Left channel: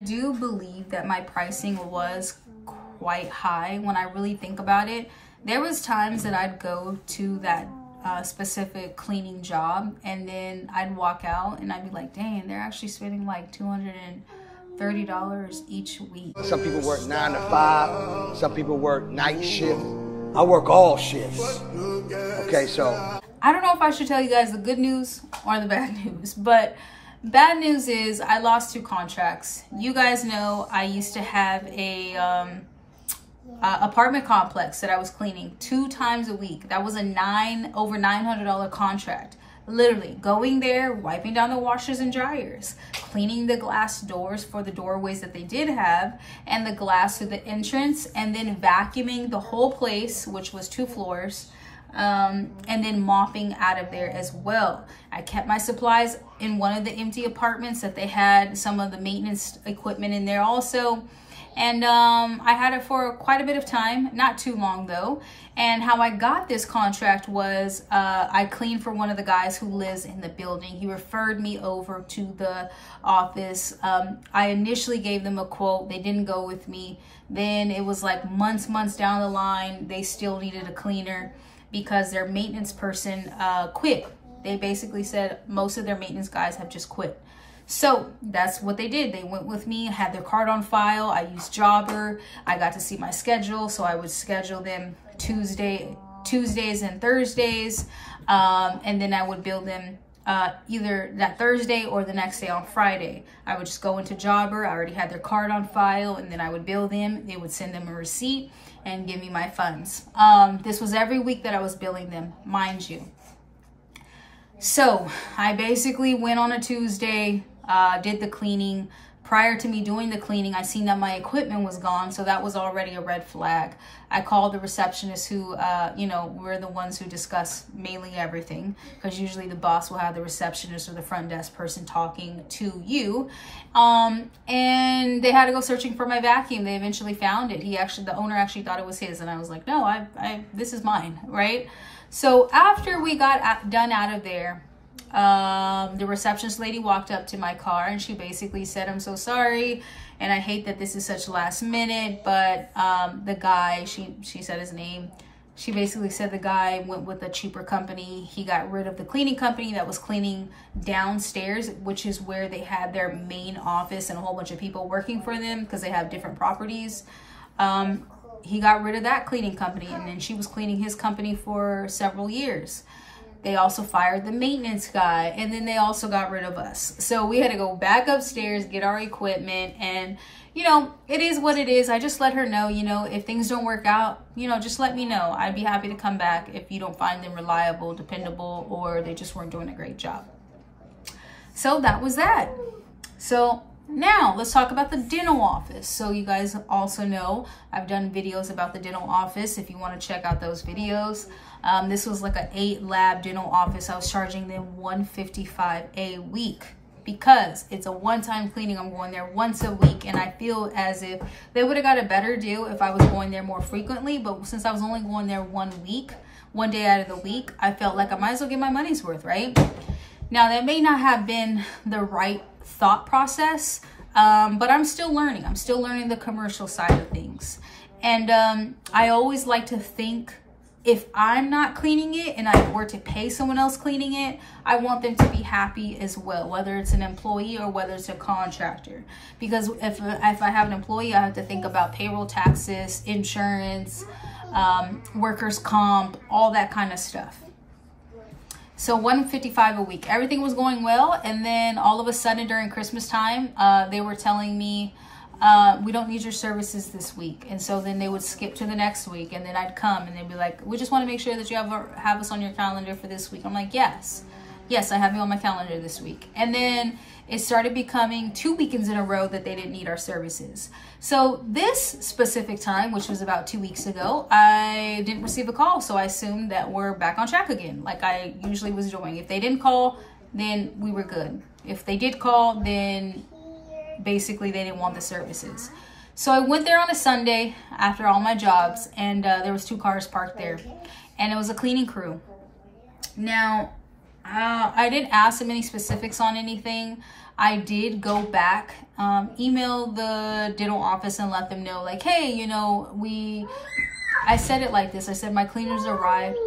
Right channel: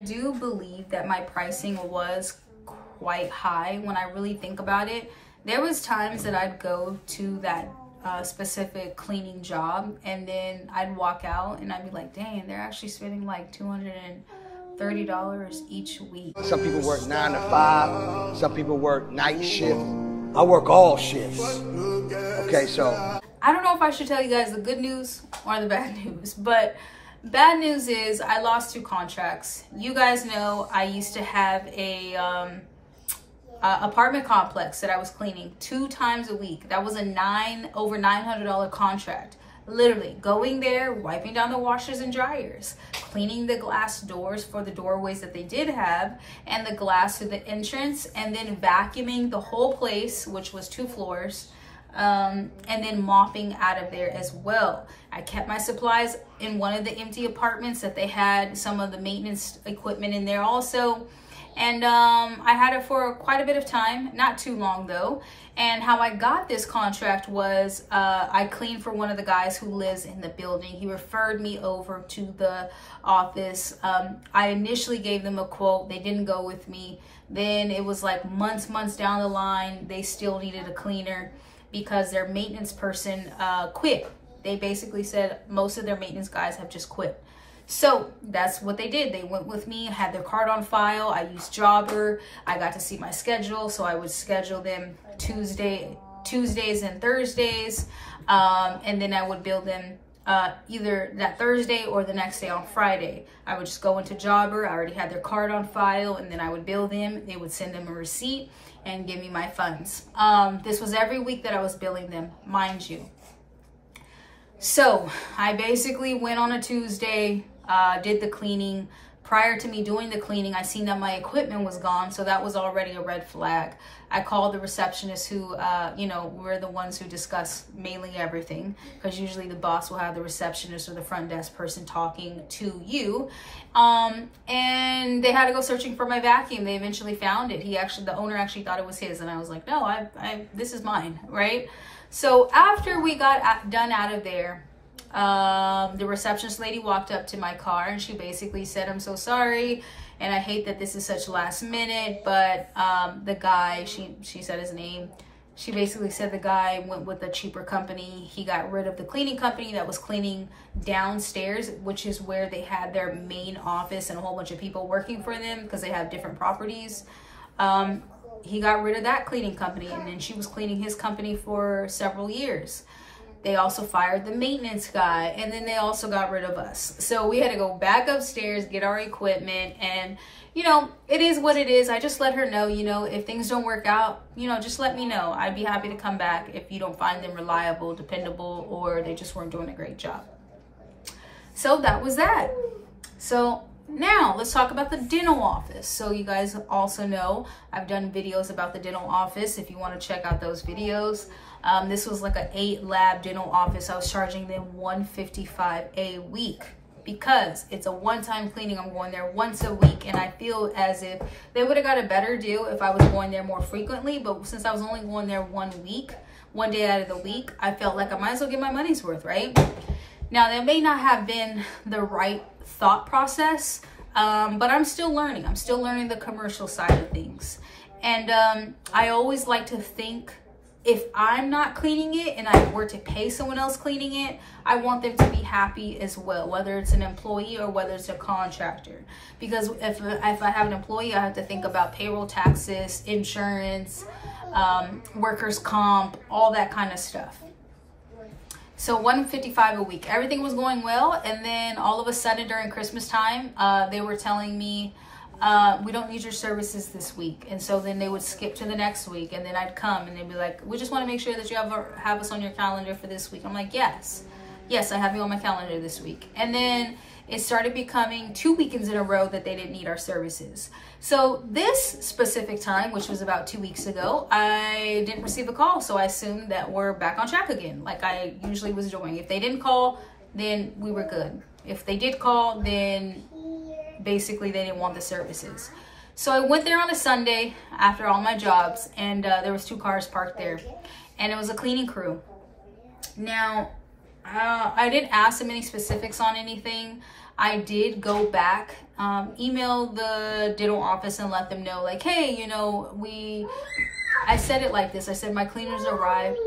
I do believe that my pricing was quite high when I really think about it. There was times that I'd go to that specific cleaning job and then I'd walk out and I'd be like, dang, they're actually spending like $230 each week. Some people work 9 to 5, some people work night shift. I work all shifts. Okay, so I don't know if I should tell you guys the good news or the bad news, but bad news is I lost 2 contracts. You guys know I used to have a apartment complex that I was cleaning 2 times a week. That was a over $900 contract. Literally going there, wiping down the washers and dryers, cleaning the glass doors for the doorways that they did have and the glass to the entrance, and then vacuuming the whole place, which was 2 floors, and then mopping out of there as well. I kept my supplies in one of the empty apartments that they had some of the maintenance equipment in there also. And I had it for quite a bit of time, not too long though. And how I got this contract was I cleaned for one of the guys who lives in the building. He referred me over to the office. I initially gave them a quote. They didn't go with me. Then it was like months down the line, they still needed a cleaner because their maintenance person quit. They basically said most of their maintenance guys have just quit. So that's what they did. They went with me, had their card on file. I used Jobber. I got to see my schedule. So I would schedule them Tuesdays and Thursdays. And then I would bill them either that Thursday or the next day on Friday. I would just go into Jobber. I already had their card on file, and then I would bill them. They would send them a receipt and give me my funds. This was every week that I was billing them, mind you. So I basically went on a Tuesday, did the cleaning. Prior to me doing the cleaning, I seen that my equipment was gone, so that was already a red flag. I called the receptionist who, you know, we're the ones who discuss mainly everything, because usually the boss will have the receptionist or the front desk person talking to you. And they had to go searching for my vacuum. They eventually found it. The owner actually thought it was his, and I was like, no, this is mine, right? So after we got done out of there, the receptionist lady walked up to my car and she basically said, I'm so sorry and I hate that this is such last minute, but the guy, she said his name, she basically said the guy went with a cheaper company. He got rid of the cleaning company that was cleaning downstairs, which is where they had their main office and a whole bunch of people working for them because they have different properties. He got rid of that cleaning company, and then she was cleaning his company for several years. They also fired the maintenance guy, and then they also got rid of us. So we had to go back upstairs, get our equipment, and you know, it is what it is. I just let her know, you know, if things don't work out, you know, just let me know. I'd be happy to come back if you don't find them reliable, dependable, or they just weren't doing a great job. So that was that. So now let's talk about the dental office. So you guys also know I've done videos about the dental office if you want to check out those videos. This was like an 8-lab dental office. I was charging them $155 a week because it's a one-time cleaning. I'm going there once a week, and I feel as if they would have got a better deal if I was going there more frequently. But since I was only going there one day out of the week, I felt like I might as well get my money's worth, right? Now, that may not have been the right thought process, but I'm still learning. I'm still learning the commercial side of things. And I always like to think, if I'm not cleaning it and I were to pay someone else cleaning it, I want them to be happy as well, whether it's an employee or whether it's a contractor. Because if I have an employee, I have to think about payroll taxes, insurance, workers' comp, all that kind of stuff. So $155 a week, everything was going well. And then all of a sudden during Christmas time, they were telling me, we don't need your services this week. And so then they would skip to the next week, and then I'd come and they'd be like, we just want to make sure that you have us on your calendar for this week. I'm like, yes, I have you on my calendar this week. And then it started becoming 2 weekends in a row that they didn't need our services. So this specific time, which was about 2 weeks ago, I didn't receive a call. So I assumed that we're back on track again, like I usually was doing. If they didn't call, then we were good. If they did call, then basically they didn't want the services. So I went there on a Sunday after all my jobs, and there was 2 cars parked there, and it was a cleaning crew. Now, I didn't ask them any specifics on anything. I did go back email the dental office and let them know, like, hey, you know, I said it like this. I said my cleaners arrived.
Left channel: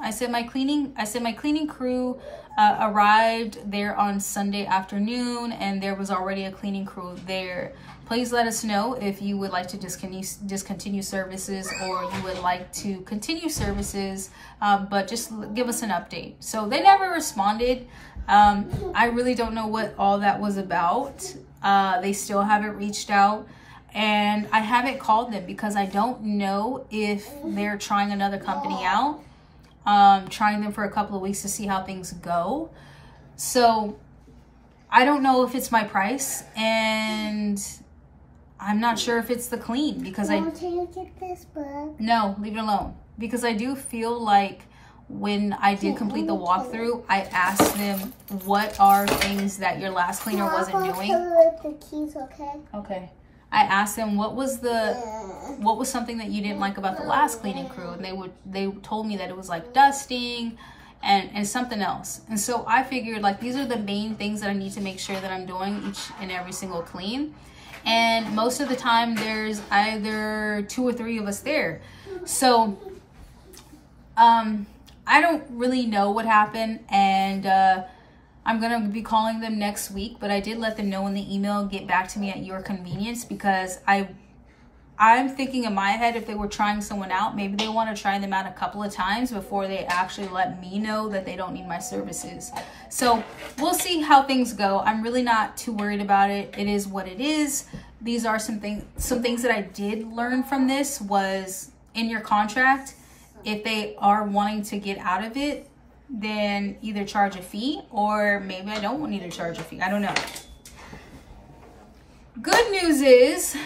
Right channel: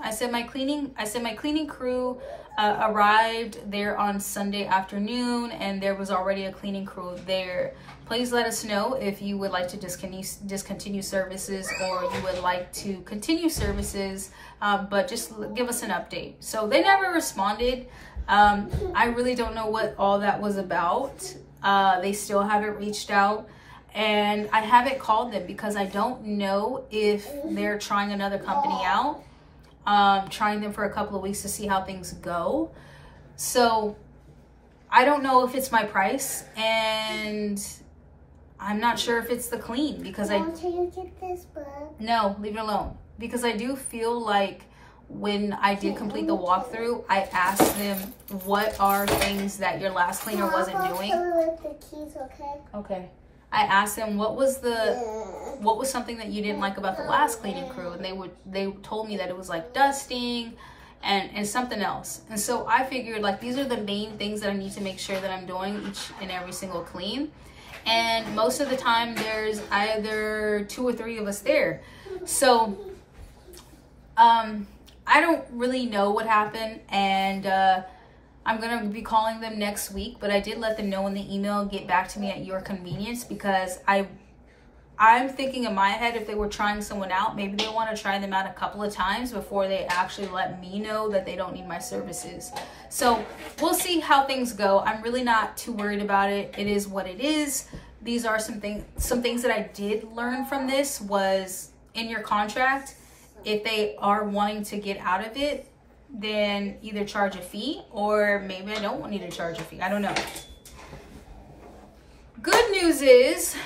I said my cleaning crew arrived there on Sunday afternoon, and there was already a cleaning crew there. Please let us know if you would like to discontinue services, or you would like to continue services, but just give us an update. So they never responded. I really don't know what all that was about. They still haven't reached out, and I haven't called them because I don't know if they're trying another company out, trying them for a couple of weeks to see how things go. So I don't know if it's my price, and I'm not sure if it's the clean, because Mom, can you get this bug? No, leave it alone. Because I do feel like when I did complete the walkthrough, I asked them, what are things that your last cleaner wasn't doing? The keys, okay? Okay. I asked them what was something that you didn't like about the last cleaning crew, and they told me that it was like dusting and something else. And so I figured, like, these are the main things that I need to make sure that I'm doing each and every single clean. And most of the time there's either 2 or 3 of us there. So I don't really know what happened, and I'm gonna be calling them next week, but I did let them know in the email, get back to me at your convenience, because I'm thinking in my head, if they were trying someone out, maybe they want to try them out a couple of times before they actually let me know that they don't need my services. So we'll see how things go. I'm really not too worried about it. It is what it is. These are some things that I did learn from this was, in your contract, if they are wanting to get out of it, then either charge a fee, or maybe I don't need to charge a fee. I don't know. Good news is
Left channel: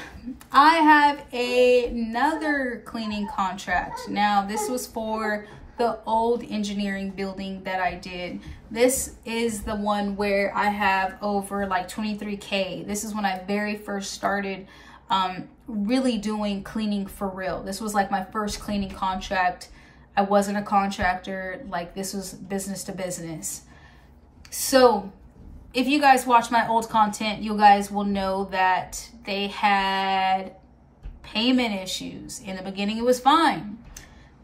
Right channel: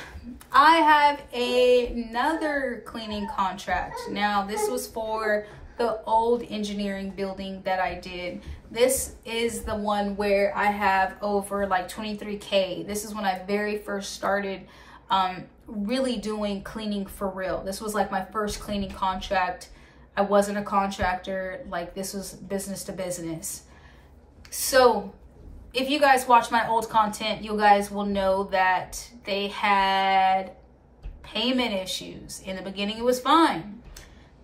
I have another cleaning contract. Now, this was for the old engineering building that I did. This is the one where I have over like 23K. This is when I very first started really doing cleaning for real. This was like my first cleaning contract. I wasn't a contractor. Like, this was business to business. So if you guys watch my old content, you guys will know that they had payment issues. In the beginning, it was fine.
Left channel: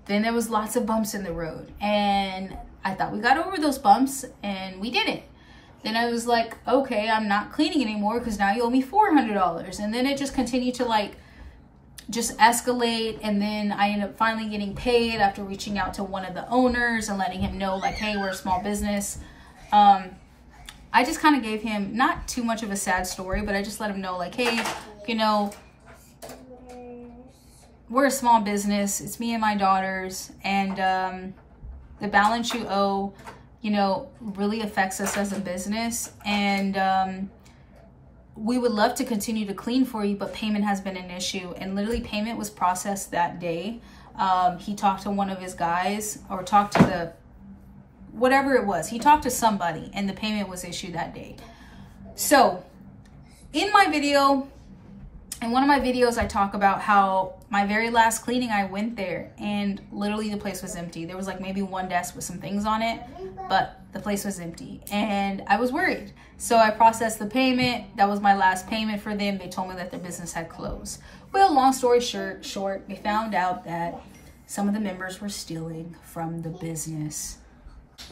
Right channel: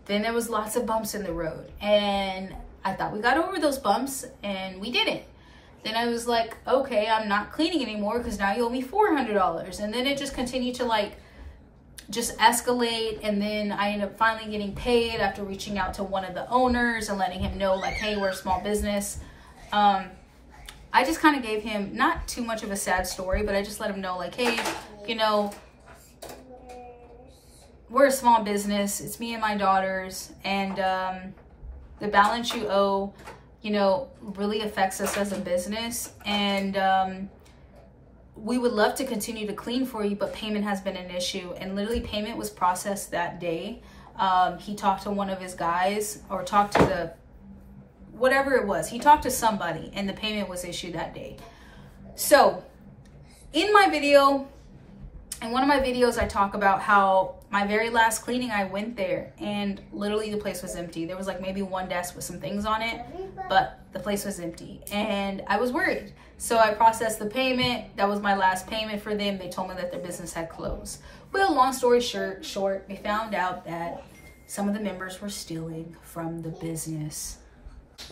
Then there was lots of bumps in the road, and I thought we got over those bumps, and we didn't. Then I was like, okay, I'm not cleaning anymore because now you owe me $400. And then it just continued to like just escalate, and then I ended up finally getting paid after reaching out to one of the owners and letting him know, like, hey, we're a small business. I just kind of gave him not too much of a sad story, but I just let him know, like, hey, you know, we're a small business. It's me and my daughters, and the balance you owe, you know, really affects us as a business, and we would love to continue to clean for you, but payment has been an issue. And literally payment was processed that day. He talked to one of his guys, or talked to the, whatever it was. He talked to somebody, and the payment was issued that day. So in my video, in one of my videos, I talk about how my very last cleaning, I went there and literally the place was empty. There was like maybe one desk with some things on it, but the place was empty, and I was worried. So I processed the payment. That was my last payment for them. They told me that their business had closed. Well, long story short, we found out that some of the members were stealing from the business.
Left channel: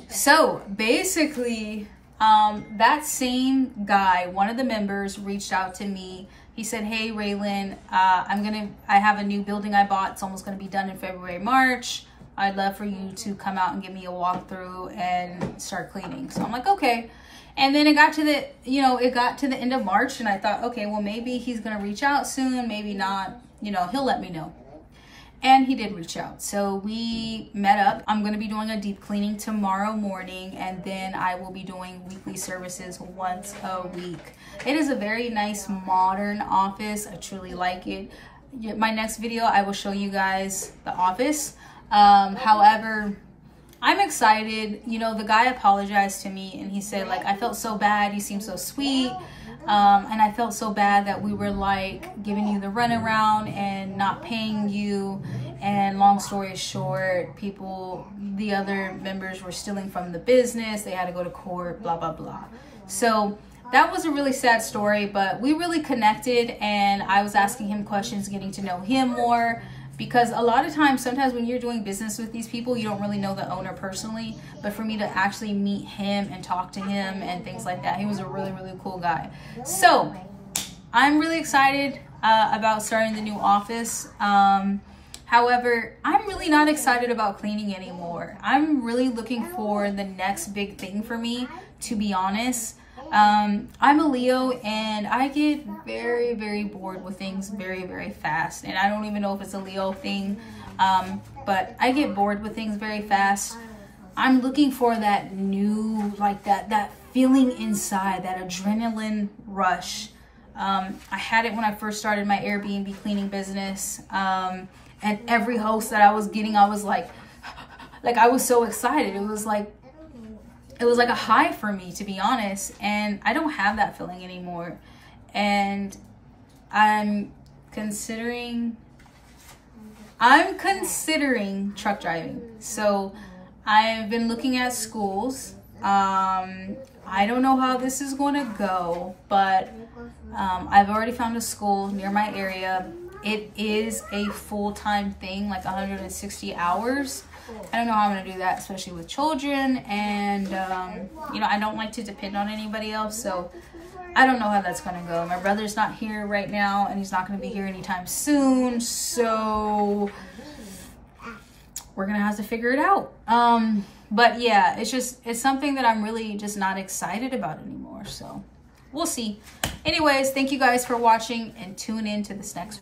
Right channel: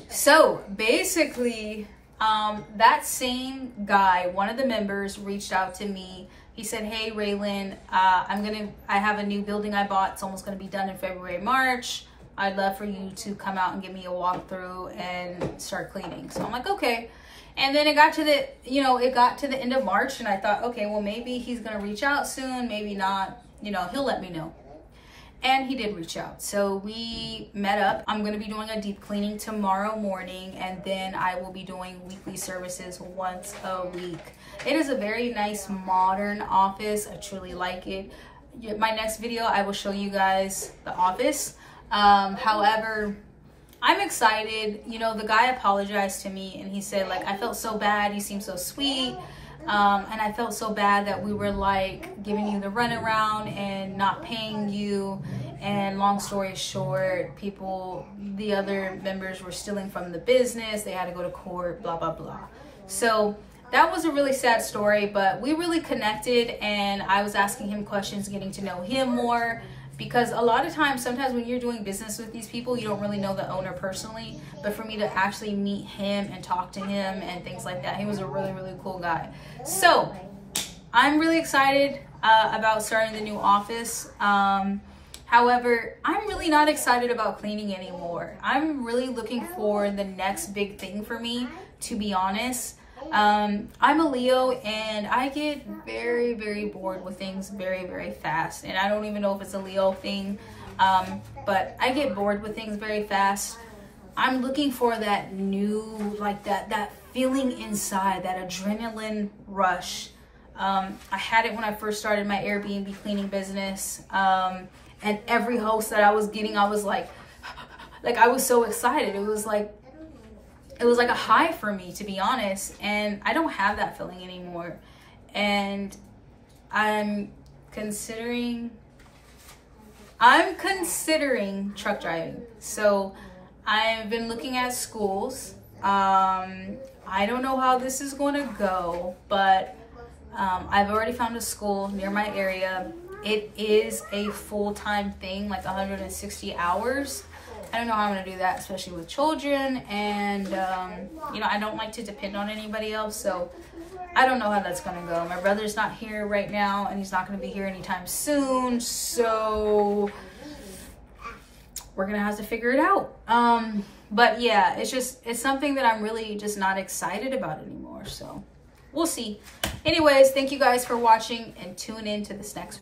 So basically, that same guy, one of the members, reached out to me. He said, hey, Raylan, I have a new building I bought. It's almost going to be done in February, March. I'd love for you to come out and give me a walkthrough and start cleaning. So I'm like, okay. And then it got to the, you know, it got to the end of March, and I thought, okay, well, maybe he's going to reach out soon. Maybe not, you know, he'll let me know. And he did reach out. So we met up. I'm going to be doing a deep cleaning tomorrow morning, and then I will be doing weekly services once a week. It is a very nice modern office. I truly like it. My next video, I will show you guys the office. However, I'm excited. You know, the guy apologized to me, and he said, like, I felt so bad. You seem so sweet. And I felt so bad that we were like giving you the runaround and not paying you. And long story short, the other members were stealing from the business. They had to go to court, blah, blah, blah. So that was a really sad story, but we really connected, and I was asking him questions, getting to know him more, because a lot of times, sometimes when you're doing business with these people, you don't really know the owner personally, but for me to actually meet him and talk to him and things like that, he was a really, really cool guy. So I'm really excited about starting the new office. However, I'm really not excited about cleaning anymore. I'm really looking for the next big thing for me, to be honest. I'm a Leo, and I get very, very bored with things very, very fast. And I don't even know if it's a Leo thing, but I get bored with things very fast. I'm looking for that new, like that feeling inside, that adrenaline rush. I had it when I first started my Airbnb cleaning business. And every host that I was getting, I was like I was so excited. It was like a high for me, to be honest. And I don't have that feeling anymore. And I'm considering truck driving. So I've been looking at schools. I don't know how this is going to go, but I've already found a school near my area. It is a full-time thing, like 160 hours. I don't know how I'm gonna do that, especially with children, and you know, I don't like to depend on anybody else, so I don't know how that's gonna go. My brother's not here right now, and he's not gonna be here anytime soon, so we're gonna have to figure it out. But yeah, it's something that I'm really just not excited about anymore, so we'll see. Anyways, thank you guys for watching, and tune in to this next